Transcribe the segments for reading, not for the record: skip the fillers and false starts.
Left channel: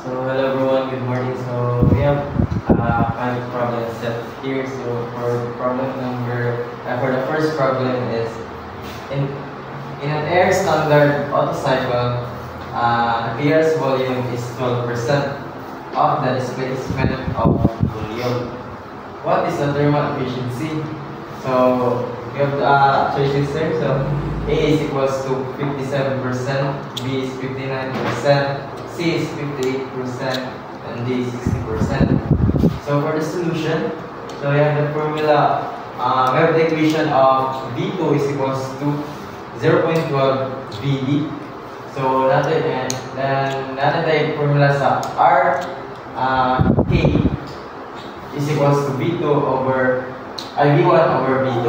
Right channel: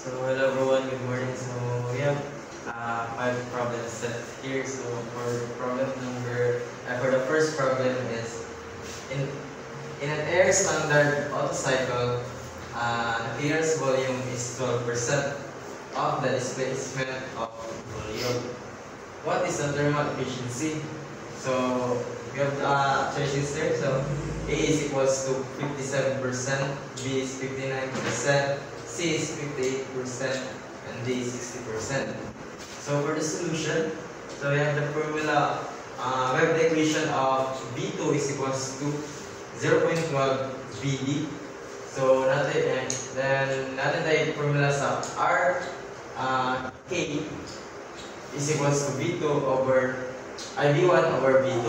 So hello everyone, good morning. So we have kind of problem set here. So for the first problem is in an air standard auto cycle, the clearance volume is 12% of the displacement of volume. What is the thermal efficiency? So we have the choices here. So A is equals to 57%, B is 59%, C is 58%, and D is 60%. So for the solution, so we have the formula, we have the equation of V2 is equals to 0.12 VD. So natin the formula sa R K is equals to V2 over V1 over V2.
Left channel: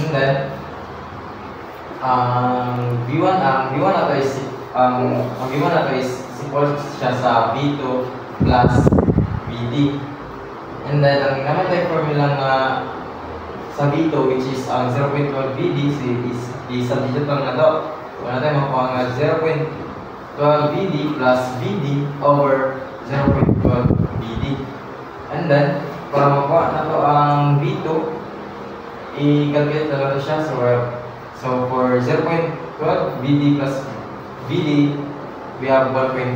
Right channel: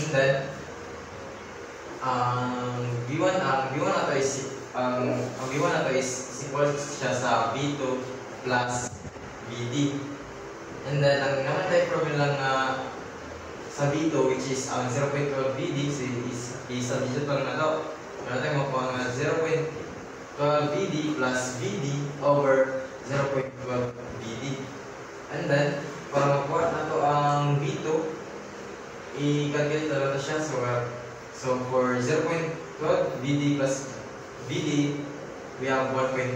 And then V1 na to is equal siya sa V2 plus VD. And then ang naman tayo formula nga sa V2 which is 0.12 VD, so i-substitute lang na to. Wala tayo makuha nga 0.12 VD plus VD over 0.12 VD. And then para makuha na to ang V2, i-calculate na lang siya. So for 0.12 VD plus VD, we have 1.12,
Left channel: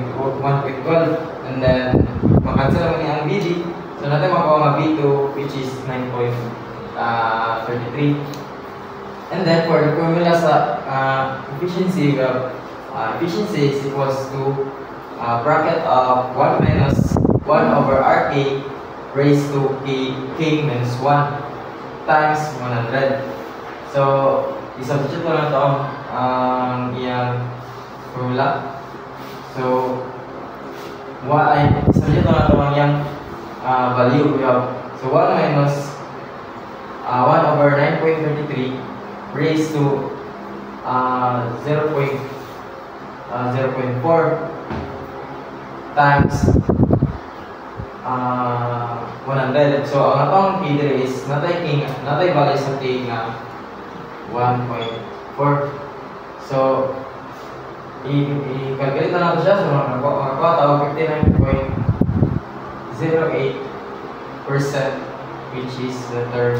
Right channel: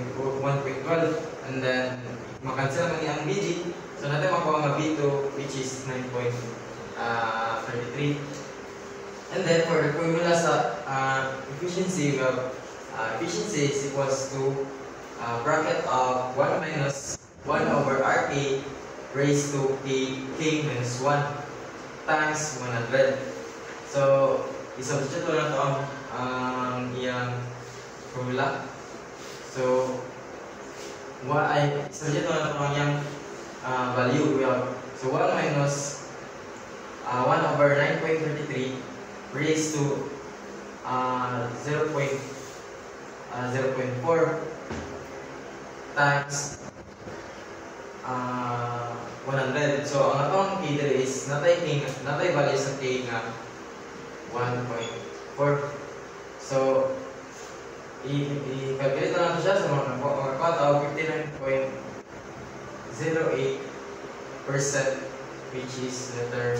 and then makancel naman ang VD. So natin makuha ang V2 which is 9.33. And then for the formula sa efficiency, we have efficiency is equals to bracket of 1 minus 1 over RK raised to K minus 1 times 100. So i-substitute lang na ito ang iyang formula. So i-substitute lang na ito ang iyang value. So 1 minus 1 over 9.33 raised to 0.4 times 100. So ang atong K dire is natay value sa K na 1.4. So i-calculate na natin siya. So makakuha tayo 59.08%, which is the term